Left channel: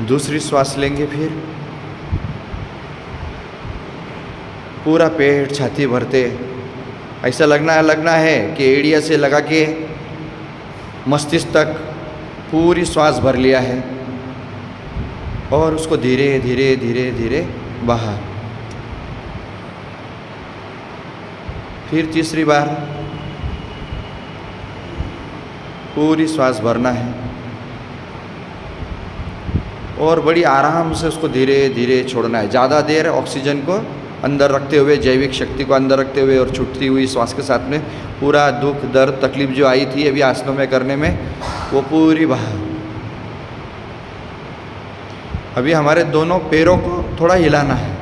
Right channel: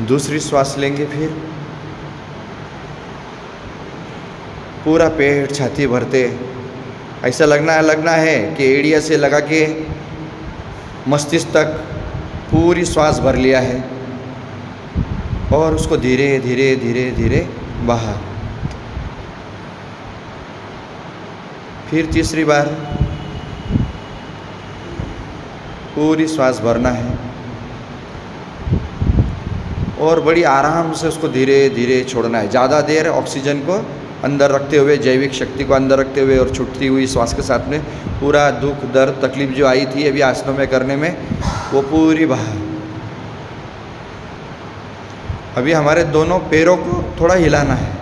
दूसरी श्वास लेंगे, फिर पूरा पेट छाती भरते, ऐसा लगना है कि एड़िया से लगा के मस्तिष्क तक पूरी श्वास भर लिया है और उसको धीरे धीरे धीरे धीरे बाहर। फिर तीसरी बार पूरी श्वास भरना है और बड़ी आराम से उसको धीरे धीरे छोड़ना है। ज़्यादा देर ऑक्सीजन को अंदर रखते हुए, जैविक शक्ति को अंदर रखते हुए और छूटती हुई श्वास के साथ में पूरा दुख दर्द तकलीफ जो आई थी अभी आसनों में करने में वो पूरी बाहर। अभी हमारे दोनों पैरों को थोड़ा हिलाना है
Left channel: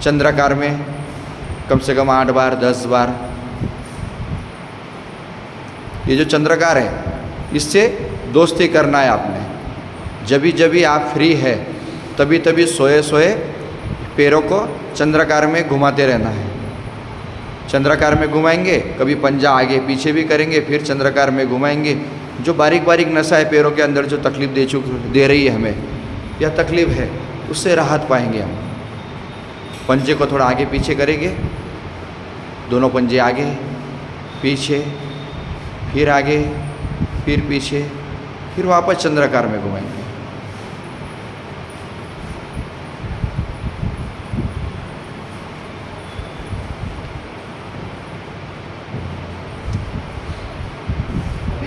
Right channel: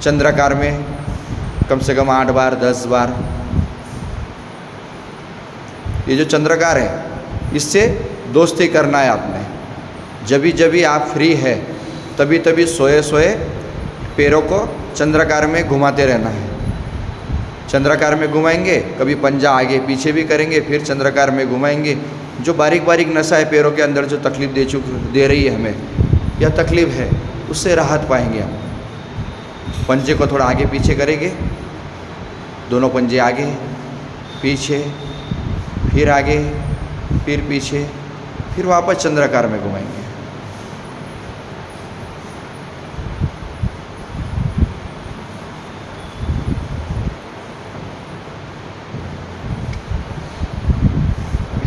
चंद्राकार में, कम से कम 8 बार 10 बार। ये जो चंद्राकार है इससे दोस्ती करना है आपने। जब भी आप फ्री है तभी तभी सोए सोए पैरों को चंद्राकार में घुमाते रहना है। चंद्राकार में घुमाएंगे, कभी पंजा आगे पीछे भी करेंगे, फिर चंद्राकार में घुमाएंगे। जो बारीक बारीक नसा है पैरों के अंदर जो तकलीफ दे रही है हमें या तकलीफ है, उससे राहत पाएंगे हम। पंजे को थोड़ा आगे पीछे करेंगे, दोनों पंजे आगे पीछे, फिर आगे फिर पीछे, फिर वापस चंद्राकार में घुमाएंगे।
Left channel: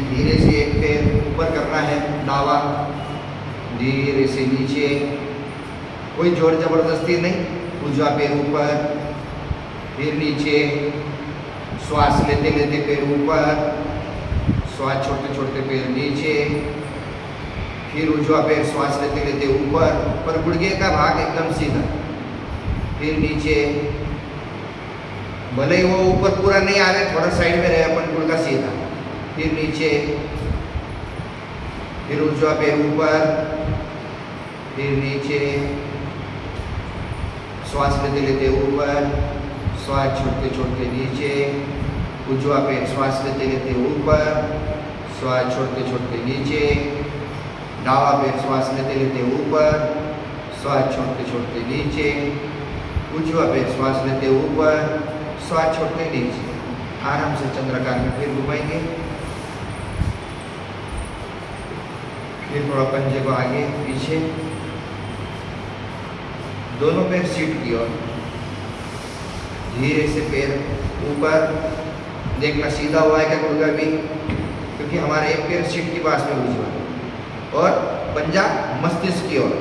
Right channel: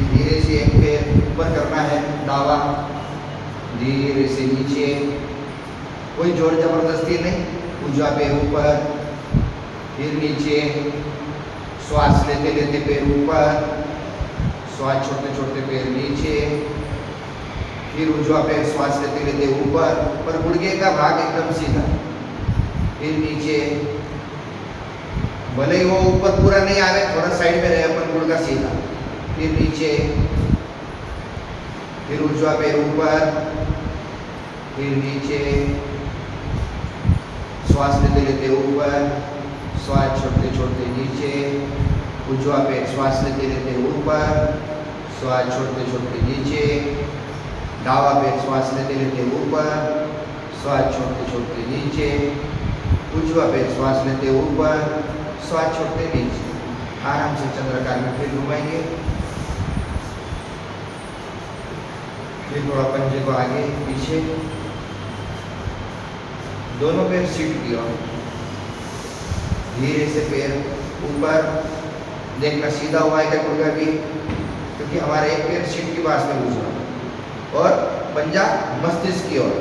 धीरे से एक पैर ऊपर करना है, दावा धीरे से नीचे, कोई जोर जबरदस्ती नहीं। उजवा पैर ऊपर, फिर नीचे, श्वास लेते लेते पैर ऊपर, श्वास छोड़ते छोड़ते पैर नीचे, फिर उजवा पैर श्वास लेते लेते ऊपर, पर गुड़गे का भाग एकदम सीधा, फिर नीचे। भले ही वो ऊपर पूरा नहीं आ रहा, थोड़ा साइड में रहे अपन, गुड़गा सीधा, फिर नीचे, फिर उजवा पैर ऊपर, फिर नीचे, श्वास लेते लेते ऊपर, श्वास छोड़ते छोड़ते नीचे, उजवा पैर श्वास लेते लेते ऊपर, श्वास छोड़ते छोड़ते नीचे, दावा पैर श्वास लेते लेते ऊपर, श्वास छोड़ते छोड़ते नीचे, उजवा पैर श्वास लेते ऊपर, श्वास छोड़ते नीचे। आराम से चंद्राकार में फिर घुमाएंगे। फिर थोड़ा पंजे को आगे पीछे, दोनों पैर सीट की ओर, धीरे से पैर ऊपर, देखना सीधा हुआ है क्या गुड़गा भी, क्योंकि हमारा एक पैर सीट के पास में घुसा और पंजा मस्तिष्क की ओर।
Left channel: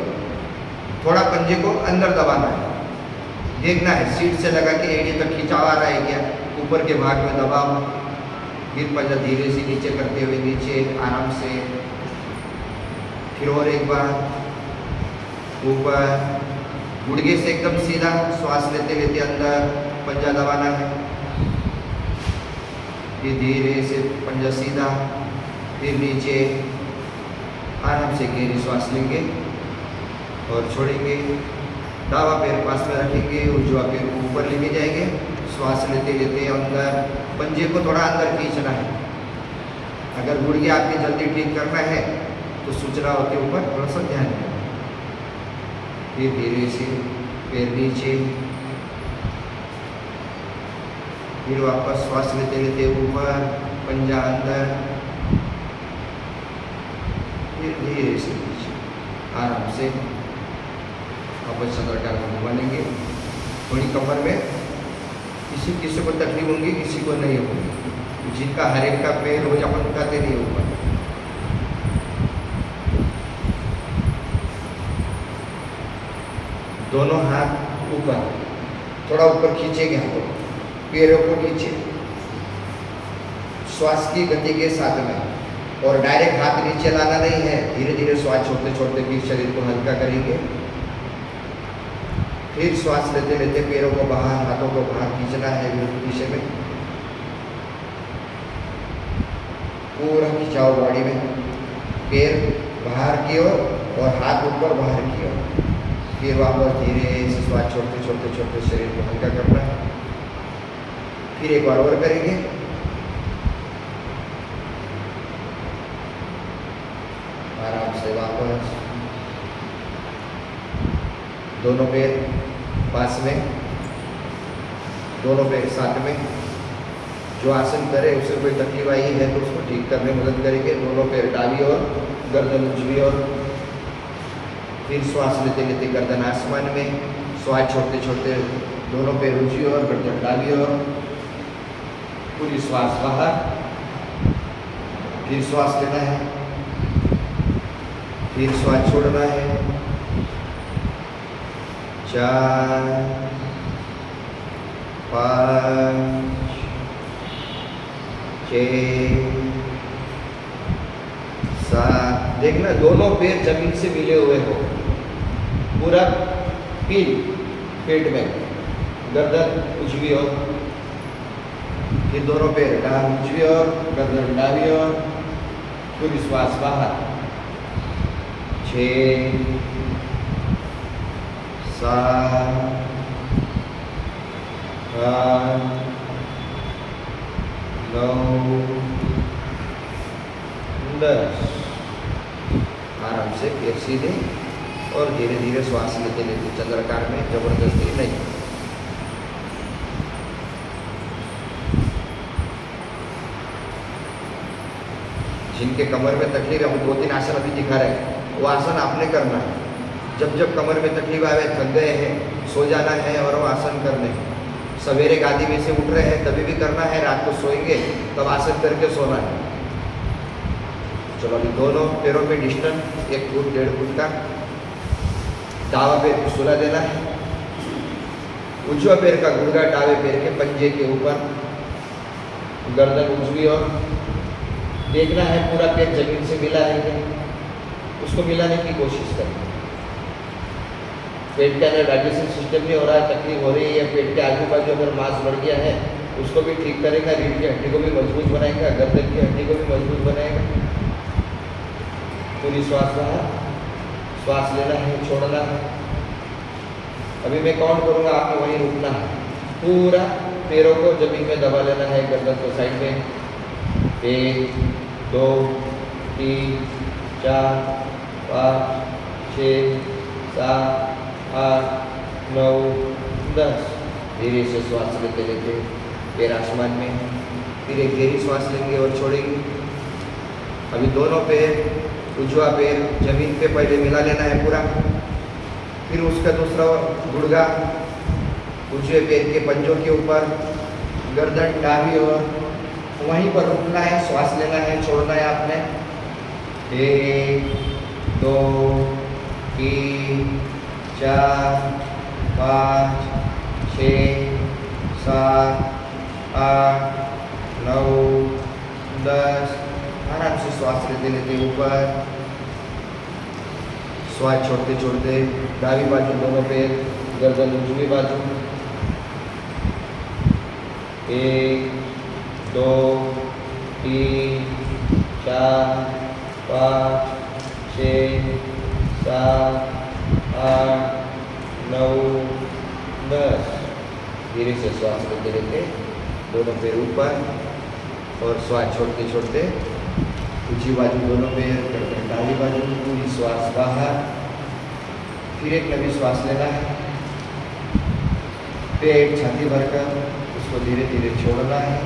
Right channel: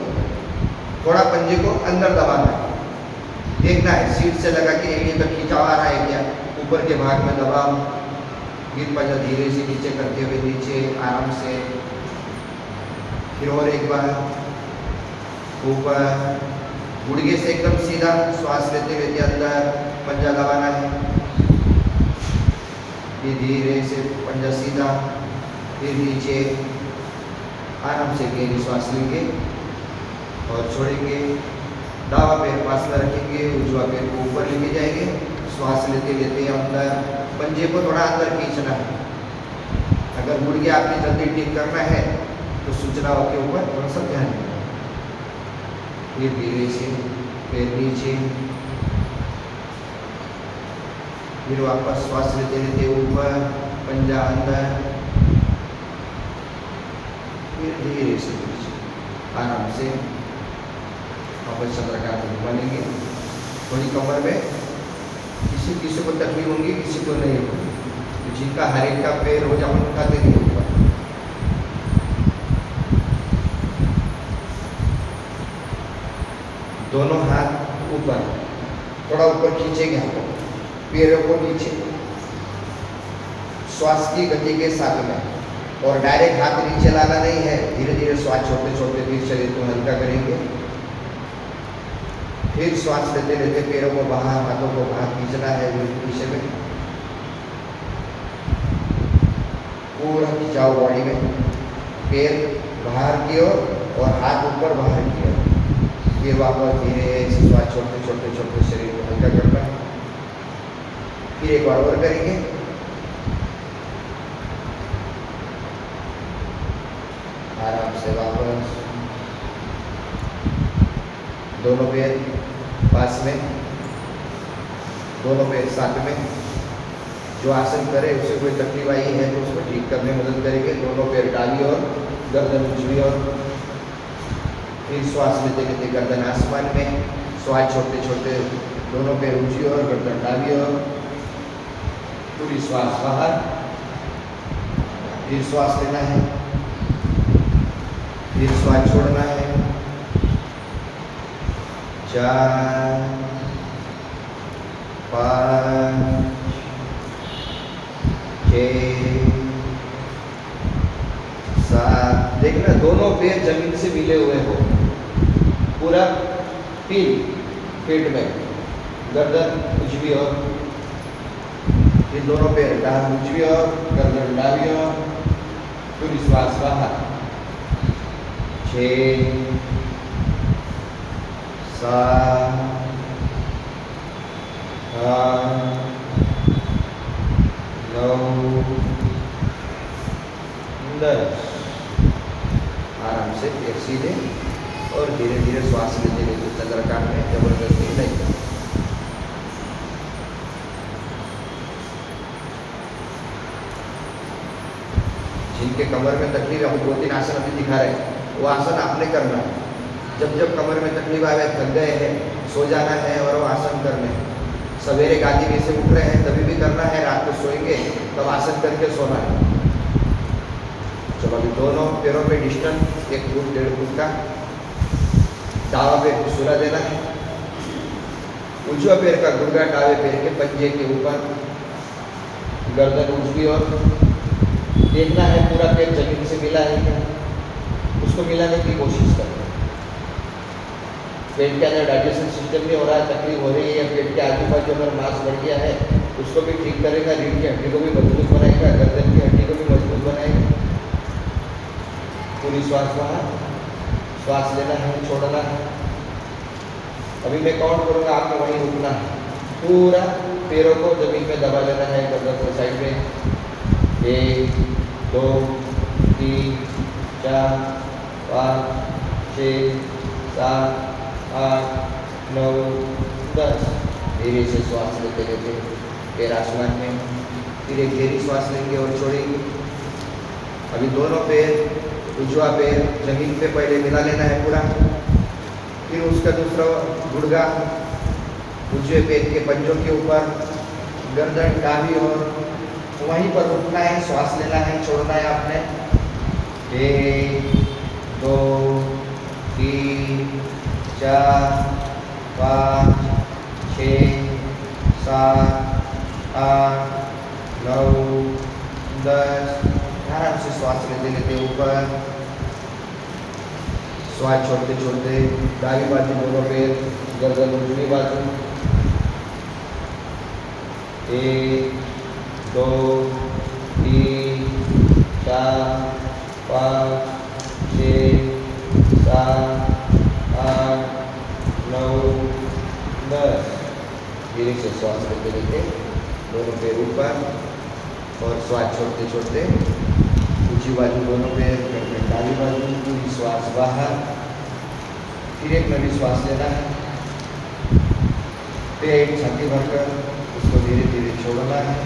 थोड़ा पंजे को अंदर दबाना है, देखना है सीट से लगा के एड़ी तक खिंचाव आ रहा है क्या, ऊपर के भाग में दबाव। फिर पंजा धीरे से नीचे करते हुए नीचे आराम से, फिर और एक बार ऊपर, गुड़गे से एकदम सीधा, श्वास लेते लेते अंदर पंजा दबाना है, फिर धीरे से पंजा सीधा, फिर नीचे, आराम से गहरी श्वास लेंगे और छोड़ेंगे। दावा पैर पास में रखेंगे, उजवा पैर को ऊपर लेके जाएंगे, श्वास लेते लेते अंदर, पंजे को थोड़ा अंदर खींचना है। अगर गुड़गे आपने जल्दी ठीक करना है तो सूचनाओं के ऊपर थोड़ा सा ध्यान देना। फिर धीरे से पैर नीचे, फिर वापस श्वास लेते लेते ऊपर, पंजा अंदर, फिर धीरे से नीचे, आराम से वापस चंद्राकार में घुमा लेंगे। थोड़ी कमर में किसी को तकलीफ होंगी, किसी को नहीं होगी। जिनका हर एक का पैर हो अपन उठाते नहीं होगा। दोनों हाथ ऊपर, थोड़ा ऊपर खींचेंगे हाथों, पैरों को नीचे, श्वास की गति के साथ में, और डायरेक्ट हाथ नीचे लाना नहीं है। धीरे धीरे श्वास छोड़ते छोड़ते फिर शरीर को हल्का करेंगे। फिर श्वास लेते लेते पैरों को बाहर, हाथों को बाहर खींचना है, बिल्कुल पीछे में पूरा खिंचाव बॉडी में, पैर बाहर की ओर और हाथ ऊपर बाहर की ओर। फिर वापस धीरे से श्वास छोड़ते छोड़ते छोड़ते शरीर को हल्का करना। फिर एक बार और करेंगे। आराम से वापस दोनों पैर पास में, दोनों पैर साथ में। जो आसन करे उसे कोई तकलीफ आई है तो उसको ठीक करने में मदद करेंगे। दोनों पैर डाली और गर्दन उजवी और। फिर श्वास लेते लेते गर्दन आसमान में, श्वास छोड़ते छोड़ते दोनों पैर ऊंची और गर्दन डाली और। पूरी श्वास बाहर, फिर श्वास लेना है, फिर श्वास छोड़ना है। 4 5 6 7। देखना दोनों पैर जमीन से मिले हुए हो, पूरा पेट में, गर्दन उजवी और। फिर दोनों पैर डाल उजवी और, गर्दन डाली और। पूरी श्वास बाहर। 6 7 8 9 10। आराम से एक सीधे और धीरे धीरे श्वास लेते लेते चंद्राकार में, जबरदस्ती नहीं। जिनके कमर में तकलीफ है, हम 2-3 आसन अभी दिखा रहे हैं, वो आसन आपने करना है। जब जब कमर में तकलीफ आवे, थक गए हैं, सो जाना है और वो आसन करने हैं। सवेरे गादी में से उठ रहे हैं तभी भी करना है, रात को सोएंगे तब आसन करके सोना है। चलो अभी दोनों पैरों पे डिस्टेंस 1 फुट 1.5 फुट का। दावा पैर को सुला देना है, उजवा पैर का गुड़गा दावे पैर के पंजे के ऊपर, गर्दन उजवी और। देखना है पूरा पेट जमीन से मिला है क्या, उसको मिलाने की कोशिश करना। पेट के अंदर डाइजेशन सिस्टम नहीं हो रहा है, तकलीफ हो रही है, या पेट के आजू बाजू अगर मांस बढ़ गया है उसको भी ठीक करेगा, रीढ़ की हड्डी को भी मजबूत बनाएगा, गर्दन की हड्डी को भी मजबूत बनाएगा। पूरी श्वास बाहर, श्वास लेना है, छोड़ना है। अभी मैं काउंट करूँगा, आपको वहीं रुकना है। पूरा पैरों को जमीन में दबा लेना है, गर्दन को साइड में। 1 2 3 4 5 6 7 8 9 10। धीरे से श्वास लेते लेते पैर आसमान में, फिर एक गहरी श्वास लेंगे और छोड़ेंगे। अभी दोनों पैर, उजवा पैर जमीन पे पहले मिला लेना है पूरा, फिर उसका दूसरा गुड़गा उजवे पैर के पंजों के ऊपर, गर्दन डाली और वहीं पर रुकना है, श्वास लेना है, छोड़ना है आपने। 1 2 3 4 5 6 7 8 9 10। आराम से श्वास लेते लेते ऊपर, श्वास छोड़ते छोड़ते दाहिनी बाजू दोनों पैर, गर्दन उजवी बाजू। 1 2 3 4 5 6 7 8 9 10। धीरे से श्वास लेते लेते दोनों पैर ऊपर और श्वास छोड़ते छोड़ते ऊंची बाजू दोनों पैर, दाहिनी बाजू पूरी श्वास बाहर। फिर एक नवी श्वास लेना है, पेट छाती भरकर उसको धीरे धीरे छोड़ना है।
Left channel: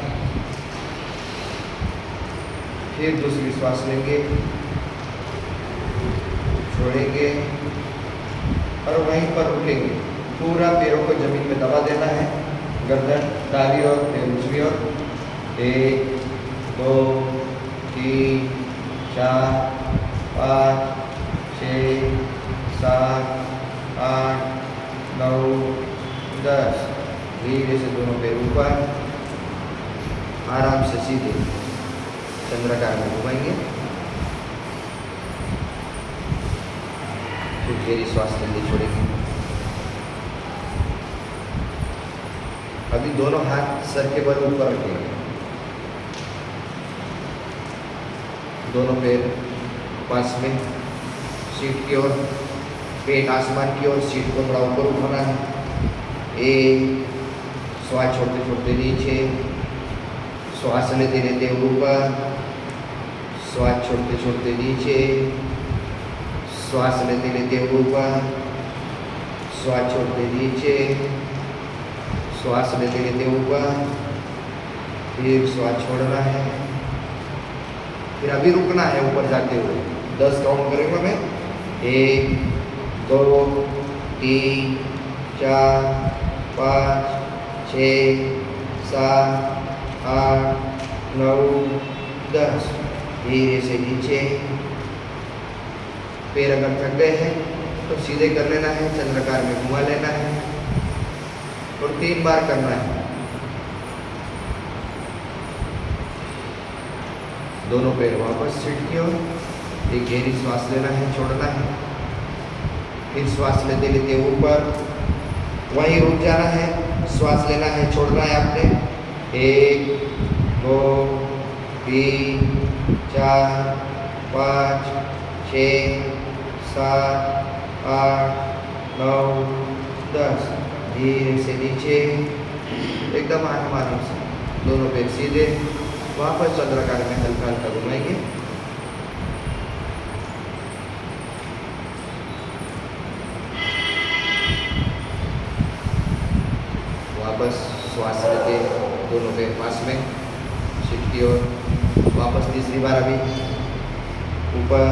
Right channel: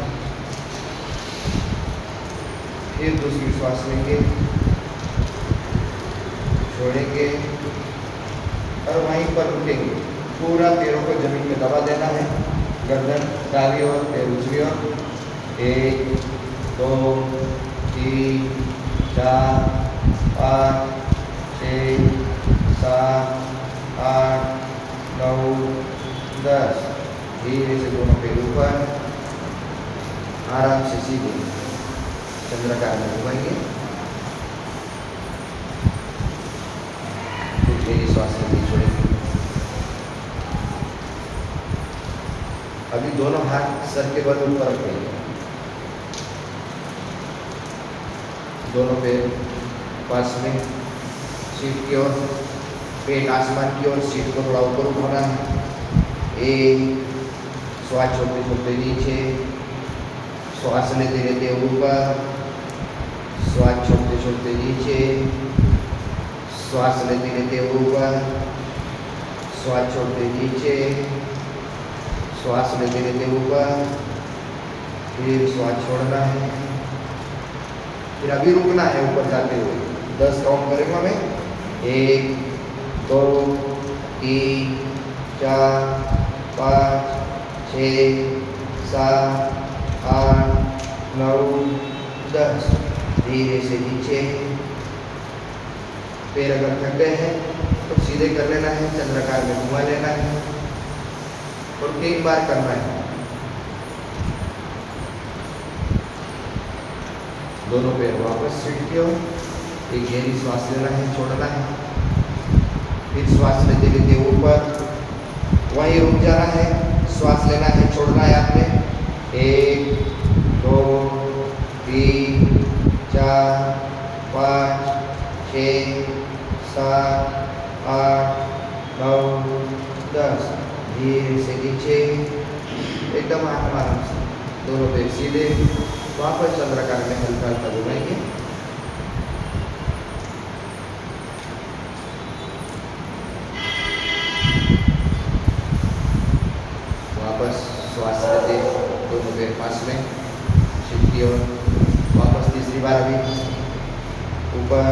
फिर दूसरी श्वास लेंगे, छोड़ेंगे और वहीं पर उठेंगे। पूरा पैरों को जमीन में दबा देना है, गर्दन दाहिनी और पैर उजवी और। 1 2 3 4 5 6 7 8 9 10। धीरे से दोनों पैर ऊपर, आराम से सीधे चंद्राकार में घुमाएंगे। फिर गहरी श्वास लेते छोड़ेंगे। अभी दोनों हाथ सर के बल ऊपर रखेंगे, दोनों पैर पास में, सीट की ओर, पेट आसमान की ओर, सीट को थोड़ा ऊपर उठाना है। 1 श्वास छोड़ते छोड़ते नीचे, श्वास लेते लेते ऊपर, श्वास छोड़ते छोड़ते नीचे, श्वास लेते लेते ऊपर, श्वास छोड़ते नीचे, श्वास लेते लेते ऊपर, फिर श्वास छोड़ना है, फिर अभी रुकना है ऊपर जाते हुए। 10 काउंट करेंगे हमें। 1 2 3 4 5 6 7 8 9 10। धीरे से नीचे। पैर अगर थक गए हैं तो सीधे कर लेना है, चंद्राकार में घुमा लेना है और 3 बार करना है। दोनों पैर वापस सीट की ओर। एक गहरी श्वास लेना है, छोड़ना है, फिर श्वास लेते लेते ऊपर, वहीं रुक जाना है, श्वास लेना है, छोड़ना है आपने। 1 2 3 4 5 6 7 8 9 10। धीरे से नीचे, एकदम आराम से, दोनों पैर सीधे, वापस चंद्राकार में हल्का हल्का घुमाएंगे। वापस श्वास लेते, दोनों पैर पास में, सीट की ओर। वापस तीसरी बार अभी ऊपर,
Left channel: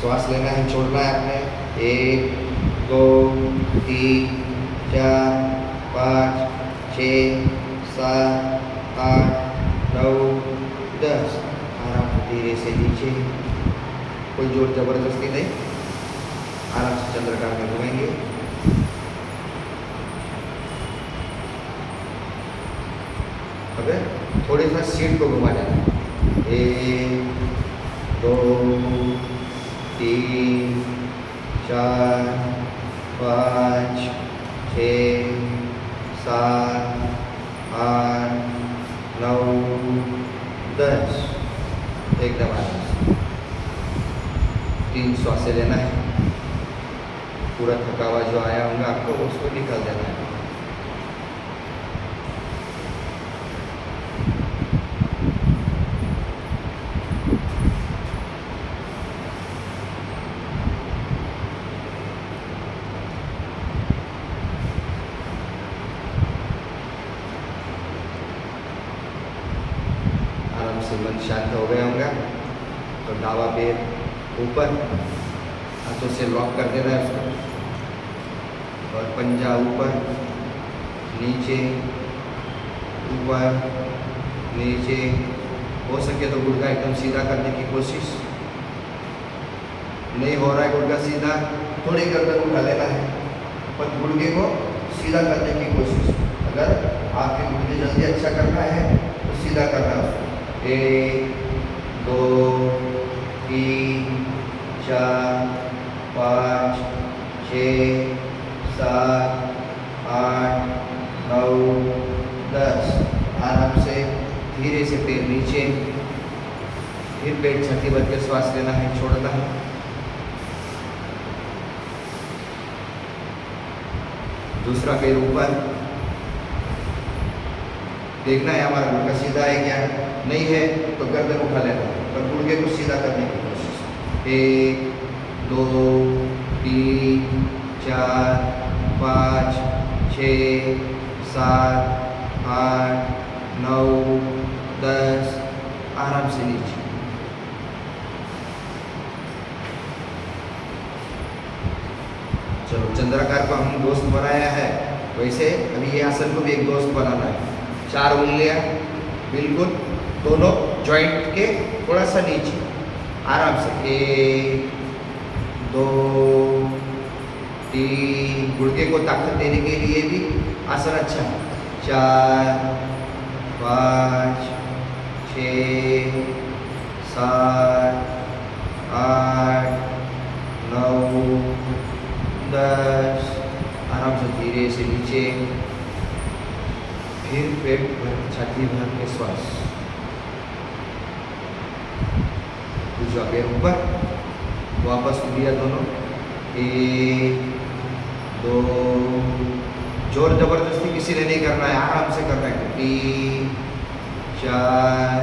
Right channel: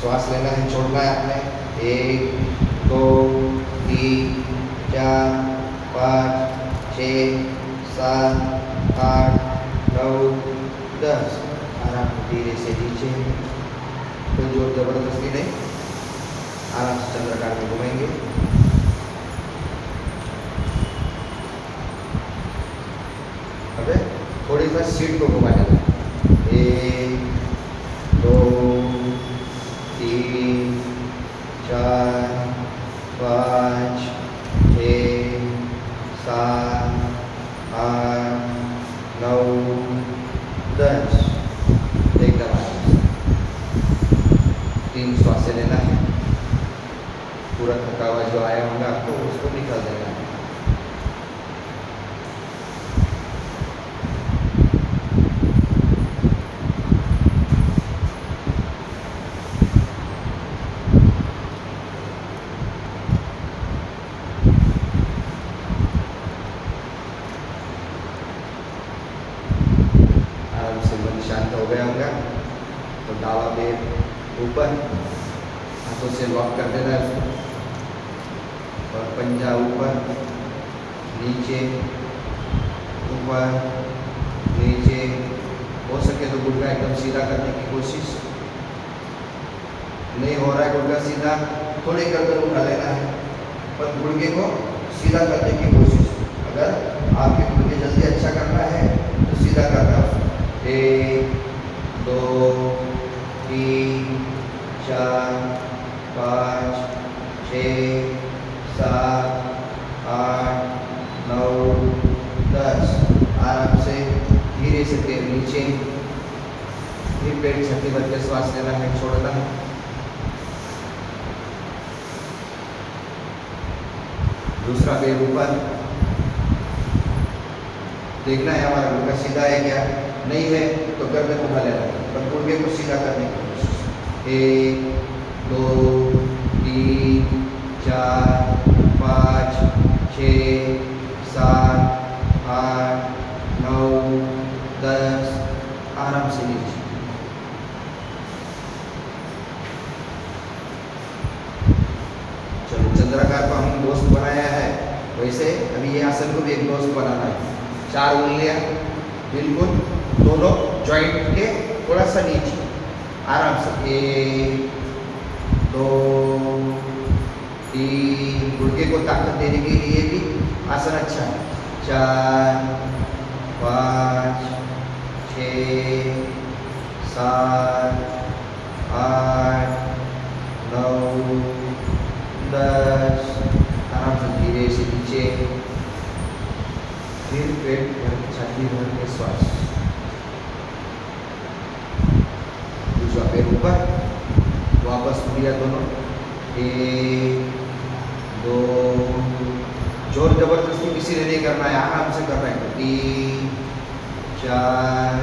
श्वास लेना है, छोड़ना है आपने। 1 2 3 4 5 6 7 8 9 10। आराम से धीरे से नीचे, कोई जोर जबरदस्ती नहीं, आराम से चंद्राकार में घुमाएंगे। अब थोड़ी सा सीट को घुमा लेना। 1 2 3 4 5 6 7 8 9 10। एकदम आराम से 3 श्वासें लेना है। पूरा थकावा जो आया होगा आपको उसको निकाल देना है। शांत हो गए होंगे तो दावा पैर ऊपर, हाथों से लॉक कर देना है उसको, और पंजा ऊपर नीचे, ऊपर नीचे। हो सके तो गुड़गा एकदम सीधा करने की कोशिश। नहीं हो रहा है गुड़गा सीधा, थोड़ी गर्दन उठा लेना है, पर गुड़गे को सीधा करने की कोशिश। अगर आपके गुड़गे जल्दी अच्छा करना है तो सीधा करना है। 1 2 3 4 5 6 7 8 9 10। आराम से धीरे से पैर नीचे, फिर पेट छठी भर के श्वास लेना है, छोड़ना है। दूसरा पैर ऊपर, देखना है हमारा गुड़गा सीधा है क्या। नहीं है तो गर्दन उठा लेना है और गुड़गे को सीधा करने की कोशिश। 1 2 3 4 5 6 7 8 9 10। आराम से नीचे। चलो, चंद्राकार को हम दोस्त बनाया है, वैसे अभी ये आसन को भी एक दोस्त बनाना है। 4 उंगलियां बिल्कुल दोनों जॉइंट के थोड़ा सा नीचे, आराम से। 1 2 3। गुड़गे को ताकत देने के लिए भी आसन अच्छा है। 4 5 6 7 8 9 10। आराम से धीरे से नीचे, फिर पेट भर छाती भर के श्वास। दूसरा पैर ऊपर, वापस उंगलियां दोनों। 1 2। जोर जबरदस्ती किसी ने नहीं करना है, आराम से करना है। 3 4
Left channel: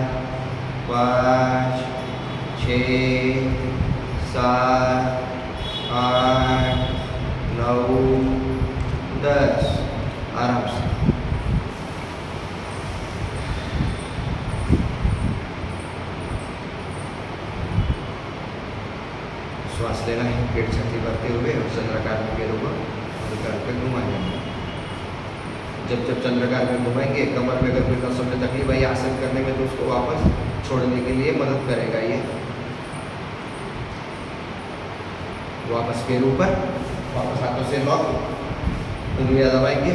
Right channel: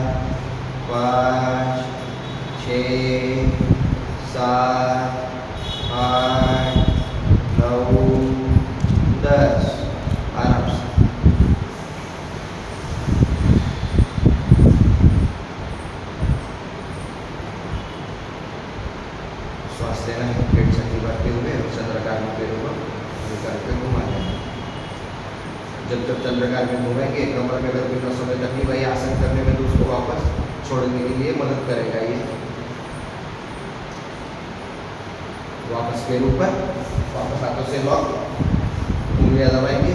5 6 7 8 9 10 आराम से। श्वास लेना है, पेट छाती भरते हुए चंद्राकार में पैरों को निकाल के घुमाना है। जब जब चंद्राकार में घुमाएंगे कमर में अगर कोई कसर में तकलीफ आई आसन करने में तो उसको वापस छोड़ने के लिए मदद करेगा ये। वापस पैर ऊपर, वापस हाथों से लॉक, उंगलियां दबाएंगे,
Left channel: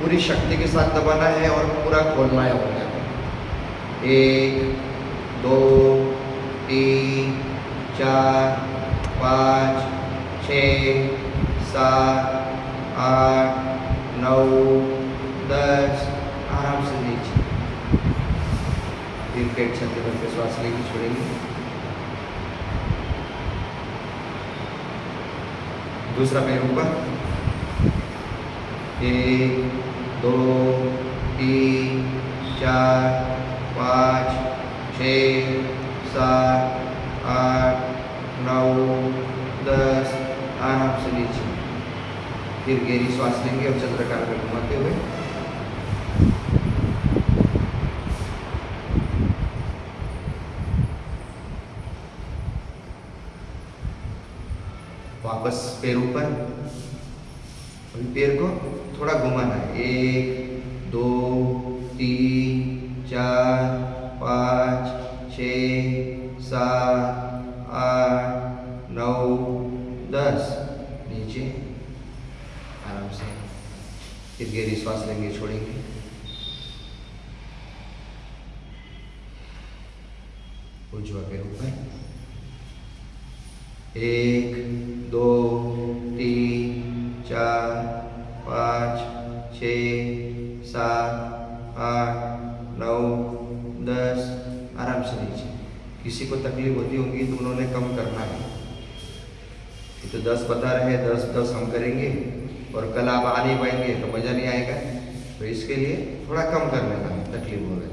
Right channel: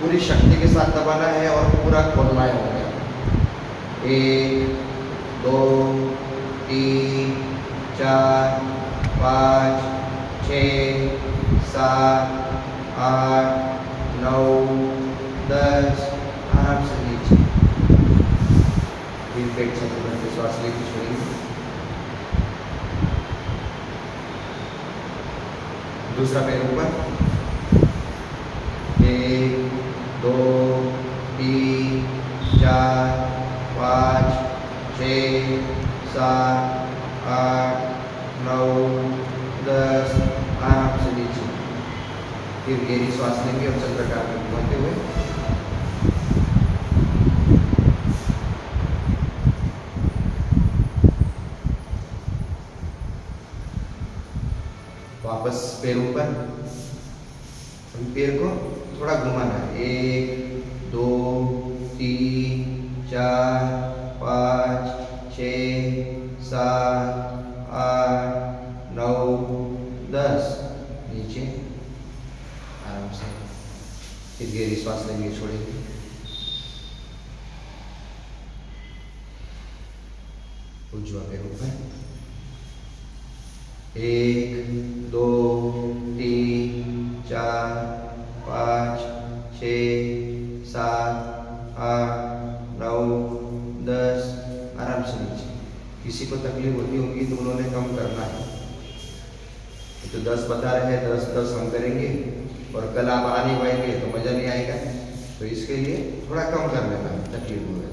पूरी शक्ति के साथ दबाना है और पूरा खोलना है। 1 2 3 4 5 6 7 8 9 10 आराम से नीचे। फिर पेट छाती भर के श्वास लेके छोड़ेंगे। दूसरा पैर ऊपर, 1 2 3 4 5 6 7 8 9 10 आराम से नीचे। फिर गहरी श्वास लेंगे और चंद्राकार में घुमाते हुए वापस पैर ऊपर, पैर को थोड़ा घुमाना है। 1 2 3 4 5 6 7 8 9 10 नीचे आराम से। फिर गहरी श्वास लेंगे, छोड़ेंगे। उजवा पैर ऊपर, 1 2 3 4 5 6 7 8 9 10 आराम से नीचे। किसी को तकलीफ होती होगी तो उन्होंने कम करना है। ये तो 10 बता रहे हैं, 10 10 हम करेंगे और कल आप आ नहीं पाएंगे तो मज़ा नहीं आएगा। तो इसके लिए थोड़ा कम करने का तकलीफ होगा।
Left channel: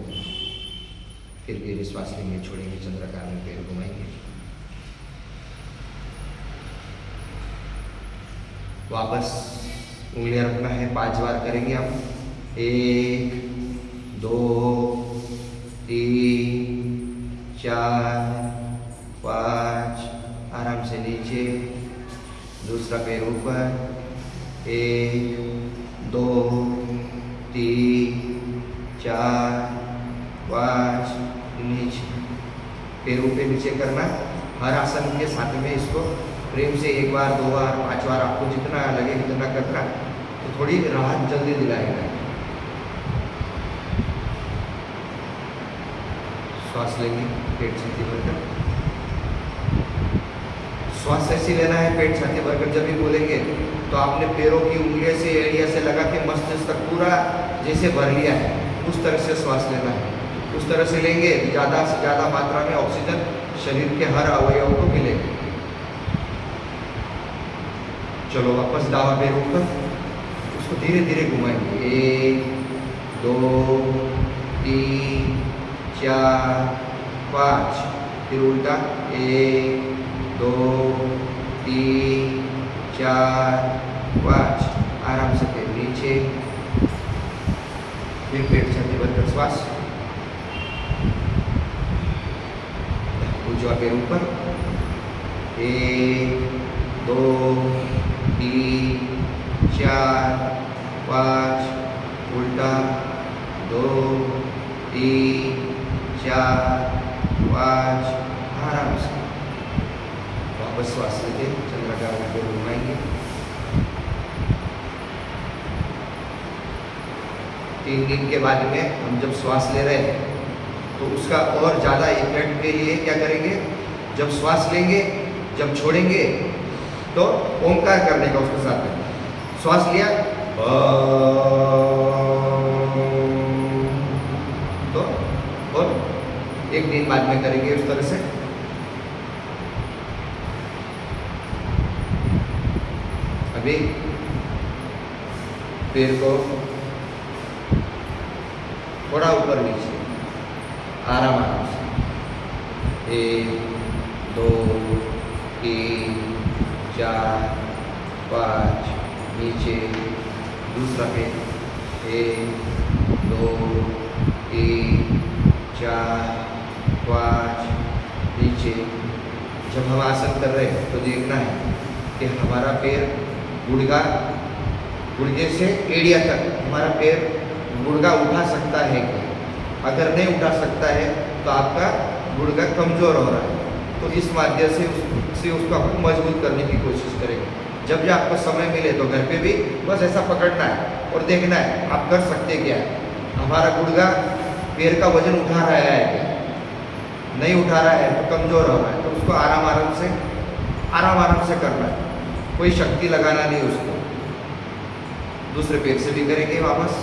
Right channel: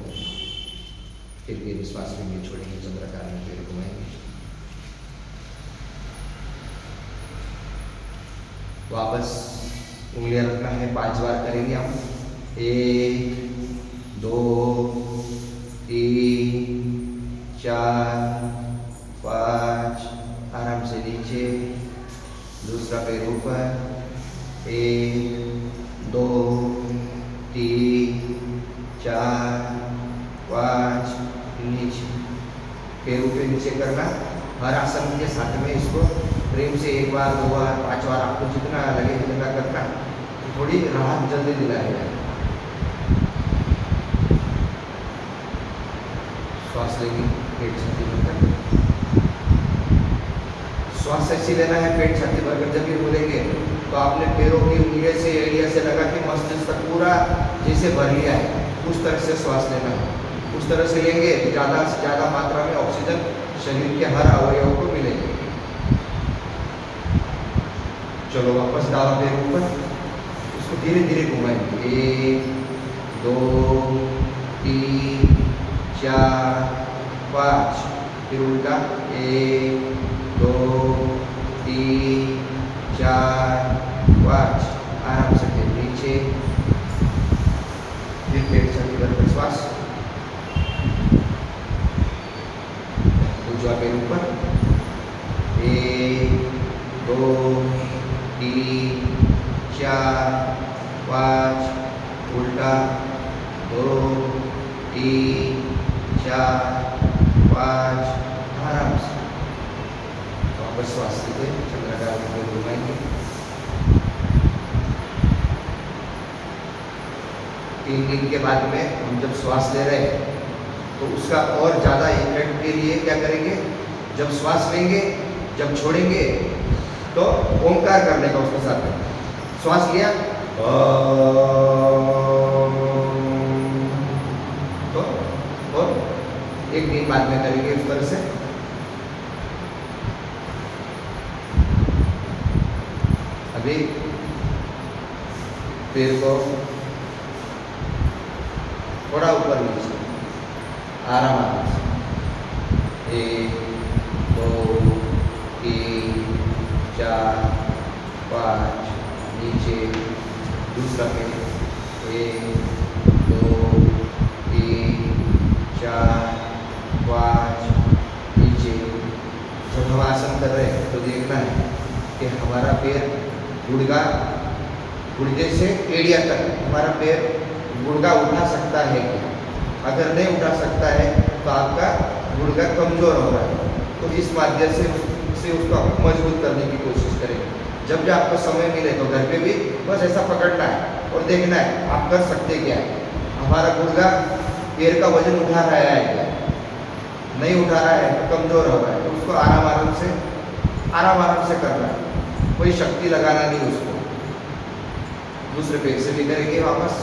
फिर गहरी श्वास लेंगे, छोड़ेंगे, चंद्राकार में पैर घुमाएंगे। वापस उंगलियां रखना है, 5 बार करेंगे हम। 1 2 3 4 5 आराम से नीचे। दूसरा पैर ऊपर, 1 2 3 4 5 नीचे। पैरों के नीचे करना। हर आसन के साथ में इसको प्रेम से 1 बार 2 बार 5 बार आपको जितना लगे उतना करना, तो थोड़ी राहत जल्दी दिलाएगा। श्वास लेंगे, पेट छाती भरकर। श्वास ऐसी लेना है, पेट छाती भरकर। जब भी बोलेंगे तो आपने पैरों की उंगलियों से एड़िया से लगा के मस्तिष्क तक पूरा जैसे भर लिया है उस तरह से श्वास लेना है। उस तरह से लेंगे तो ज़्यादा से ज़्यादा मात्रा में ऑक्सीजन शरीर के हर अवयव को मिलेगी। चलो वापस दावा पैर ऊपर, उसको धीरे धीरे घुमाएंगे। 1 2 3 4 5 फिर उनका 1 2 3 4 5 आराम से फिर नीचे। फिर पेट छाती भरकर श्वास, उजवा पैर ऊपर, 1 2 3 4 5 उल्टा, 2 3 4 5 आराम से। वापस श्वास लीजिए, चंद्राकार में घुमाएंगे। 3 दिन के बाद में हम जब श्वास ले रहे हैं तो उसका और ज़्यादा इफेक्ट के लिए क्या करेंगे, जब श्वास लेंगे जब छोड़ेंगे तो ओंकार करने का उसके साथ। श्वास लिया तो 1 दिन बाद में करेंगे उस तरह से। अभी पैर को थोड़ा ऊपर नीचे आराम से। 1 2 3 4 5 नीचे दूसरा पे 1 2 3 4 5 नीचे। जब हम आसन कर रहे हैं तो देखना है कि हमारा पैर गुड़घे से एड़िया तक हमारा पैर गुड़गा उठा सकता है क्या। अगर नहीं उठा सकता है तो आपका गुड़गा कमज़ोर हो रहा है, तो इस माध्यम से उसको आपको मजबूत करने की कोशिश करेंगे। जब भी आपको समय मिले तो घर पे भी बस ऐसा पकड़ना है और देखना है आप कर सकते क्या है। हमारा गुड़गा पैर का वजन उठा रहा है क्या, नहीं उठा रहा है तो कमज़ोर हो रहा है, तो उसको आराम से करना, कोई शक्ति लगाना नहीं उसको। दूसरे पैर से भी करेंगे वापस।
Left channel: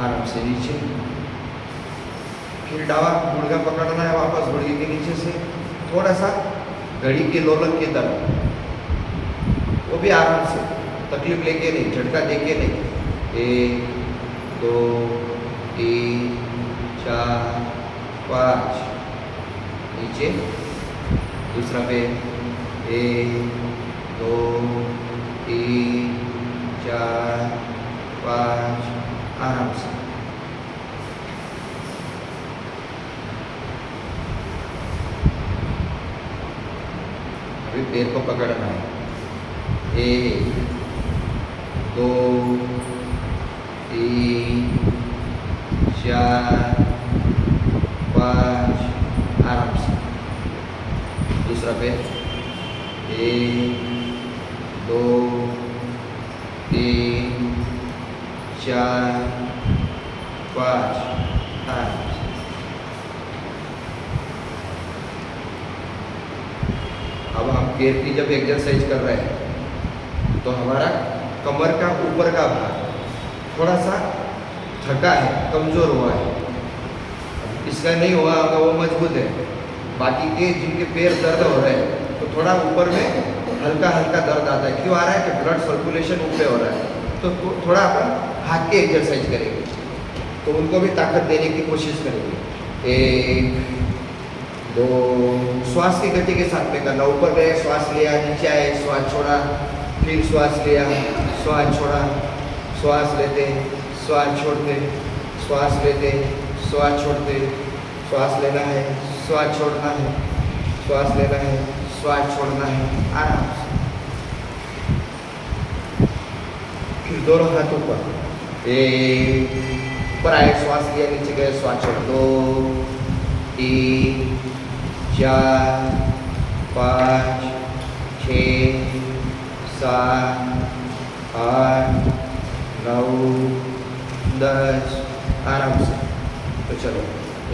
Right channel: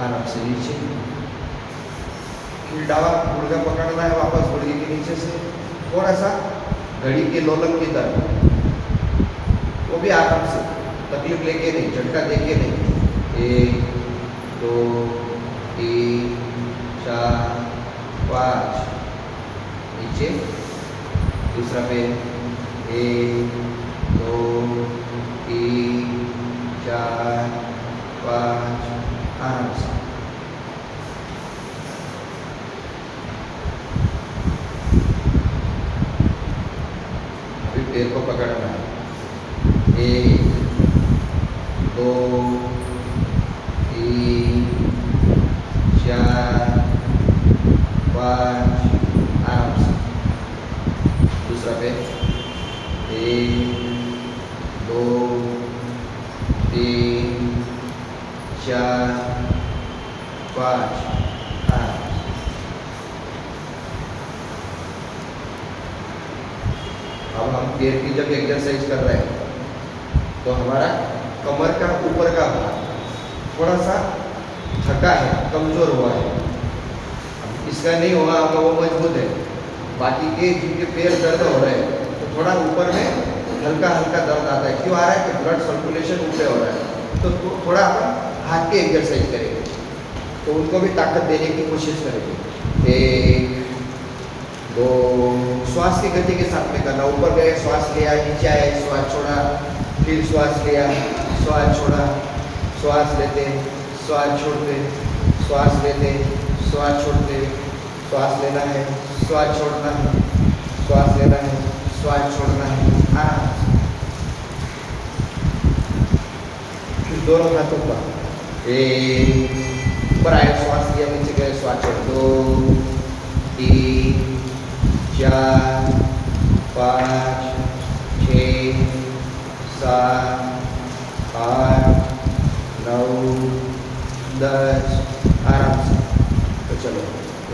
आराम से नीचे, फिर डावा गुड़गा पकड़ना है वापस गुड़गे के नीचे से, थोड़ा सा घड़ी के लोलक की तरफ, वो भी आराम से, तकलीफ लेके नहीं, झटका देके नहीं। 1 2 3 4 5 नीचे। दूसरा पे 1 2 3 4 5 आराम से। अभी पैर को पकड़ना है। 1 2 3 4 5 आराम से। दूसरा पे 1 2 3 4 5 आराम से। अब हम पैर की जब एक्सरसाइज कर रहे हैं तो हमारा कमर का ऊपर का भाग थोड़ा सा थका है, कमज़ोर हुआ है, इसका नहीं हुआ तो वो मजबूत है। बाकी के जिनके पैर दर्द हो रहे हैं तो थोड़ा ऊपर में हल्का दर्द आता है। क्यों आ रहा है कि ब्लड सर्कुलेशन ऊपर हो रहा है, तो थोड़ा अपन हाथ की एक्सरसाइज करेंगे तो उनको भी ताकत देने की कोशिश करेंगे। 1 2 श्वास की गति के साथ में करना। ऊपर गए, श्वास लिया, नीचे आए, श्वास छोड़ा, फिर श्वास लिया, श्वास छोड़ा, श्वास लेते, श्वास छोड़ते, श्वास लेते, श्वास छोड़ते, श्वास लेना है, श्वास छोड़ना है, श्वास लेना है, श्वास छोड़ना है, आराम से। फिर दोनों हाथों पर 1 ऊपर आए, श्वास लिया, नीचे गए, श्वास छोड़। 2 3 4 5 6 7 8 9 10 आराम से। तो चलो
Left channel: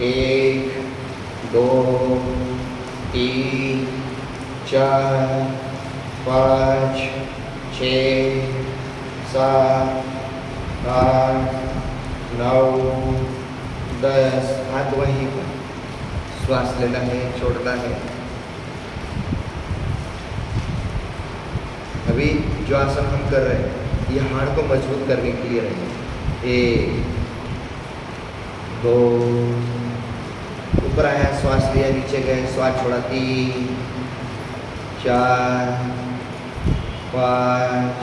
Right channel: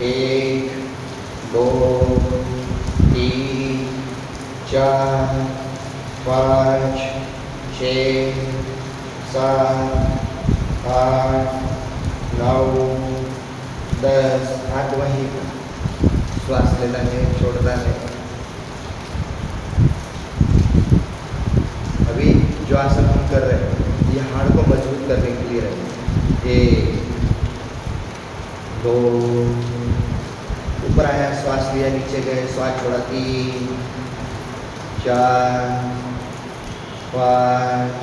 1 2 3 4 5 6 7 8 9 10 हाथ वहीं पर, श्वास लेना है, छोड़ना है। अभी जो आसन हम कर रहे हैं ये हाड़ को मजबूत करने के लिए है। 1 2 ऊपर आया, श्वास लिया, नीचे गए, श्वास छोड़ा। 3 4 5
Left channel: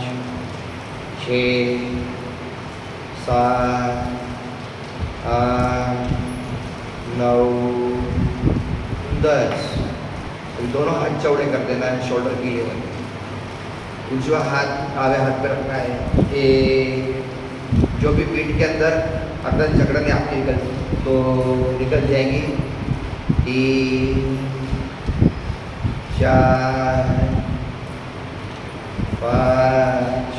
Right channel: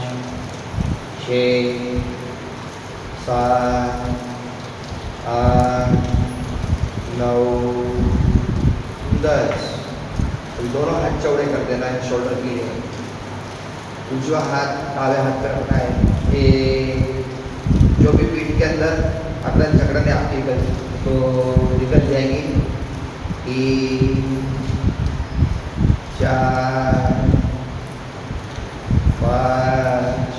6 7 8 9 10। दोनों हाथ चौड़े कर देना है शोल्डर के लिए। उजवा हाथ आगे हाथ पर रखा है। जो भी पीठ के अंदर अपना झगड़ने आपकी निकल जाएंगी। 3 4 5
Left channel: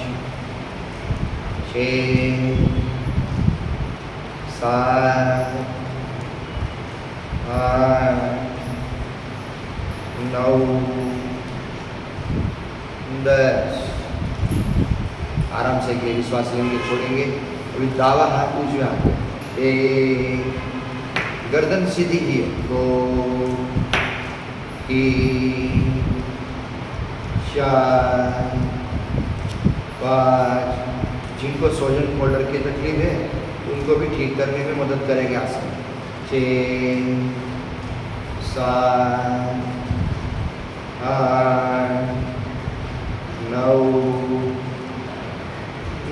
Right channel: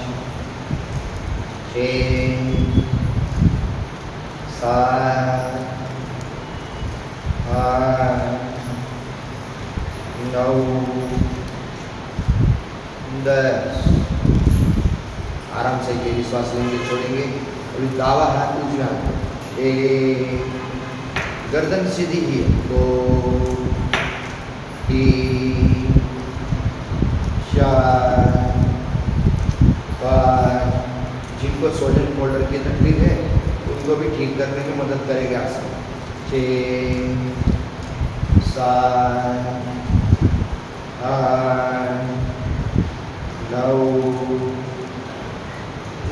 6 7 8 9 10। आराम से गहरी श्वास लेंगे, छोड़ेंगे। अभी दावा हाथ उजवे हाथ पे, 1 गर्दन सीधी की, 2 3 4 5। जिनको सोजन फोल्डर की तकलीफ है उनको भी ठीक करने में मदद करेगा आसन। 6 7 8 9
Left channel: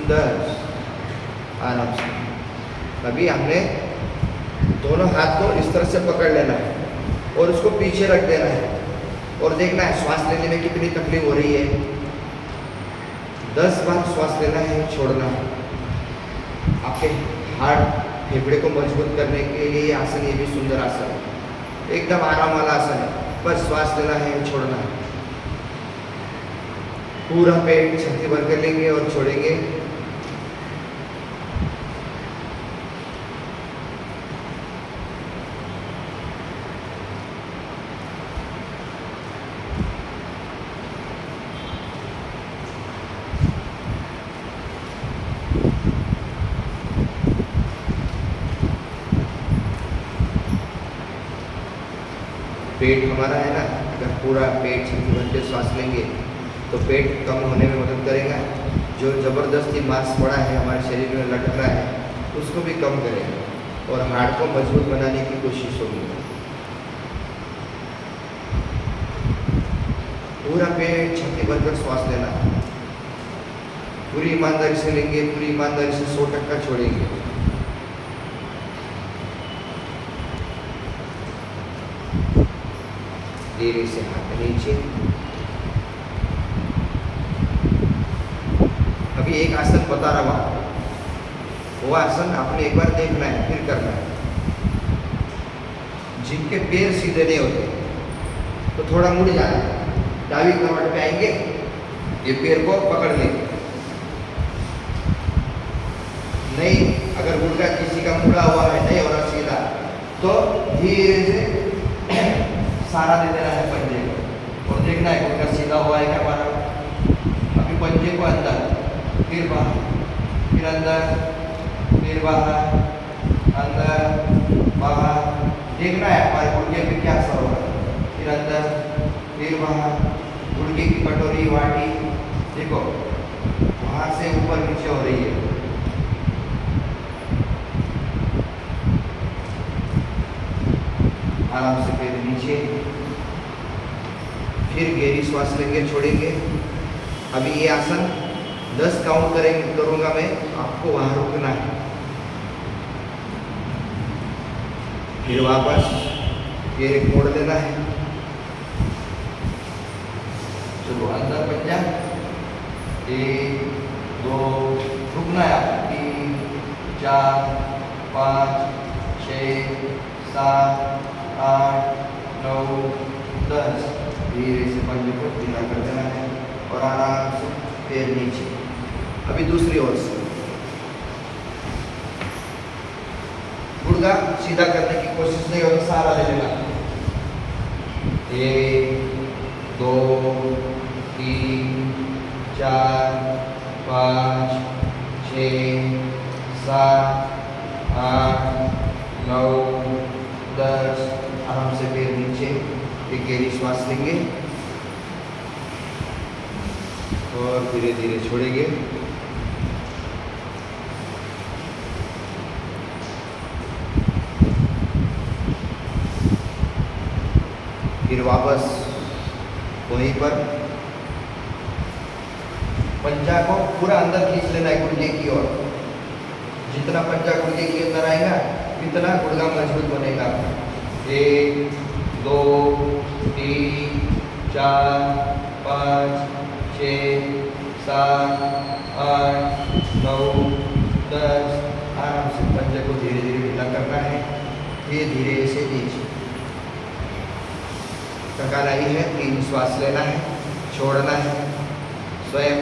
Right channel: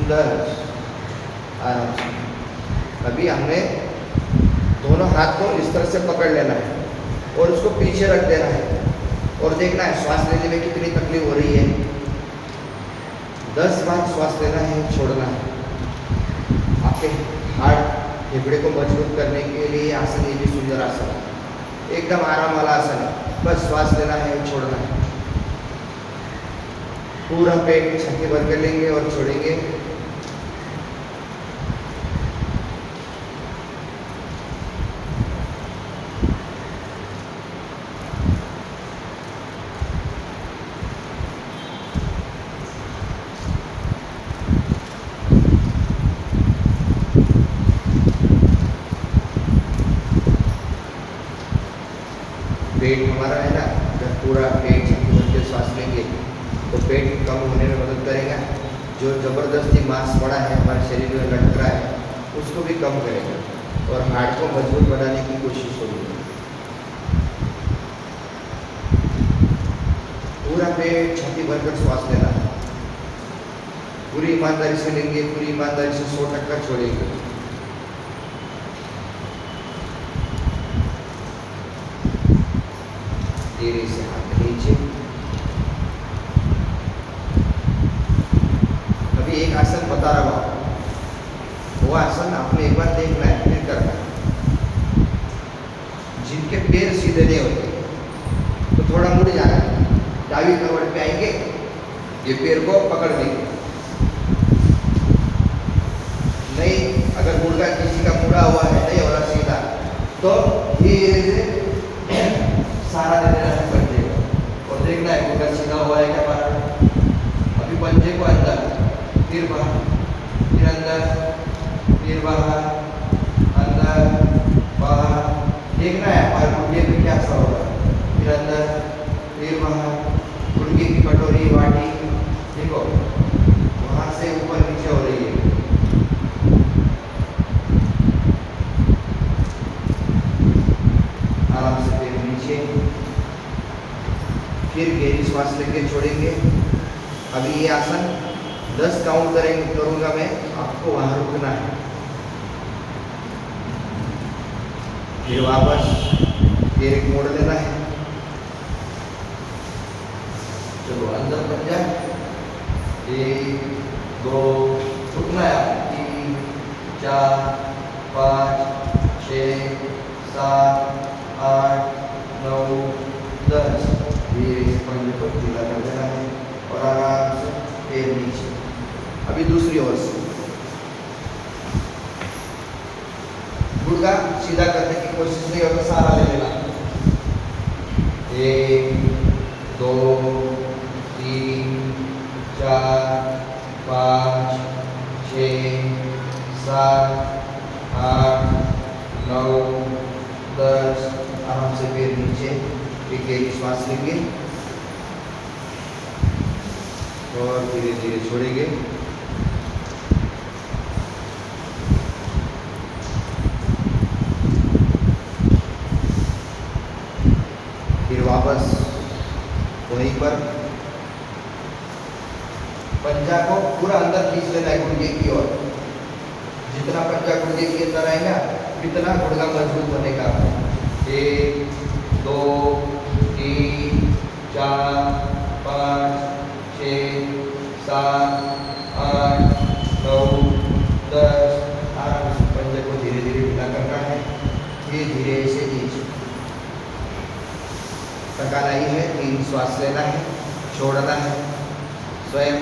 10 आराम से। अभी हमने दोनों हाथ को इस तरह से पकड़ लेना है और उसको पीछे रख देना है और देखना है श्वास लेने में कितनी तकलीफ हो रही है। 10 बार श्वास लेना है, छोड़ना है। आपके हार्ट फेफड़े को मजबूत करने के लिए आसन, ये भी सुंदर आसन है, एकदम आराम वाला आसन है। बस श्वास लेना है और छोड़ना है। पूरा पेट छाती भर कर लेंगे और छोड़ेंगे। पेट हमारा है ना, जब पूरा पेट छाती भर के श्वास लेंगे तो पेट कम होने में मदद करेगा। जो ज़बरदस्ती मांस पड़ा है हमारे शरीर में लटक रहा है उसको भी कम करेगा और हार्ट को मजबूत बनाने की कोशिश होगी। पूरा पेट छाती भरकर श्वास लेना है। पूरी ईमानदारी से लेंगे, पूरी ईमानदारी से 100% छोड़ेंगे। धीरे से हाथ नीचे। अभी एक आसन बता रहा हूँ, वो आसन आपने एक बार देखना है, फिर करना है। जिनके पैर सीधे नहीं होते तो थोड़ा मुड़ जाना है, दावी करवट पे आएंगे, ये पैर को पकड़ लेंगे। नहीं, अगर मुर्गा किसी का मुड़ा हुआ है, नहीं हो रहा सीधा, तो धीरे से सारा दे देना है पंजे को और देखना है मुर्गा सीधा हुआ है क्या बाहर। अभी पंजे को अंदर, फिर बाहर, फिर अंदर, फिर बाहर, अंदर बाहर। देखना है हमारे मुर्गे पे क्या असर हो रहा है। फिर अंदर, फिर बाहर। मुर्गे की कटोरी वाटी देखो वहाँ से ऊपर नीचे हो रही है। आराम से फिर नीचे, फिर गहरी श्वास लेके छोड़ेंगे। अभी ये आसन 10 काउंट करूँगा मैं, आपको वहाँ रुकना है। फिर वापस फिर एक मोड़ लेना है। चलो अंदर बन जा। 1 2 रुकना है। 3 4 5 6 7 8 9 10। धीरे से पंजे को ढीला कर देना है और आराम से पैर नीचे। अभी दूसरी ओर से गुर्दा सीधा करने की कोशिश नहीं होता, सारा ले लेना। 1 2 3 4 5 6 7 8 9 10। आराम से पैर नीचे, एक गहरी श्वास लेंगे और धीरे धीरे छोड़ेंगे। फिर वापस वहीं पर पंजा को पूरा अंदर खींच लेना है गुर्दे की ओर। जितना पंजा गुर्दे के अंदर आएगा उतना गुर्दा मजबूत बनेगा। 1 2 3 4 5 6 7 8 9 10। आराम से पंजे को धीरे धीरे ढीला करना है। ये धीरे से नीचे थकाना ही है। 3 श्वास लेना है, छोड़ना है स्वयं।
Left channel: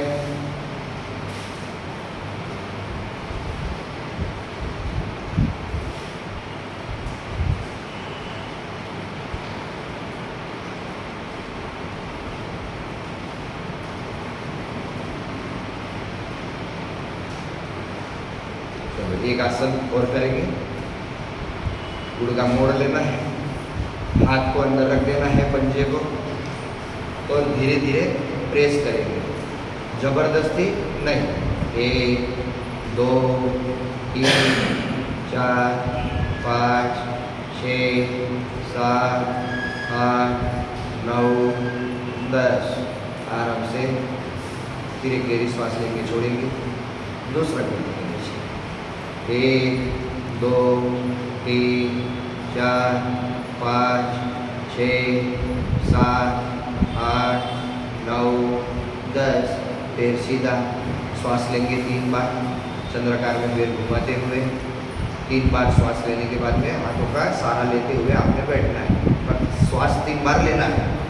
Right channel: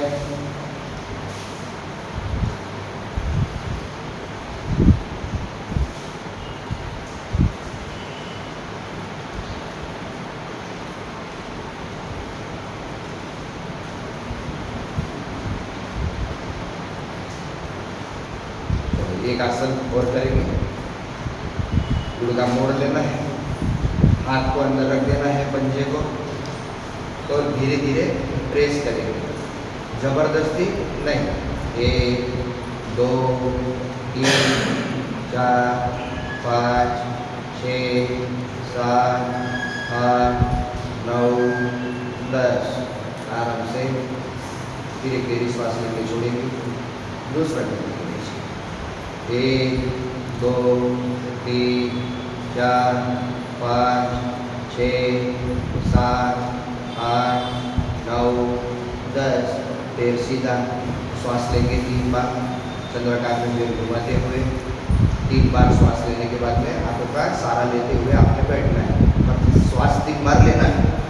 एक आसन और करेंगे। गुर्दा मोड़ लेना है, हाथ को अंदर रख देना है पंजे को और धीरे धीरे प्रेस करेंगे, जबरदस्ती नहीं। 1 2 3 4 5 6 7 8 9 10 आराम से। फिर एक गहरी श्वास लेके छोड़ेंगे। दूसरा करने के लिए 1 2 3 4 5 6 7 8 9 10। पैर सीधा। श्वास लेंगे 3 बार चंद्राकार में पैर घुमाते हुए। 3 बार श्वास लेने के बाद में आंखों का सहारा लेते हुए आपने बैठना है। श्वास 3 बार लेना है।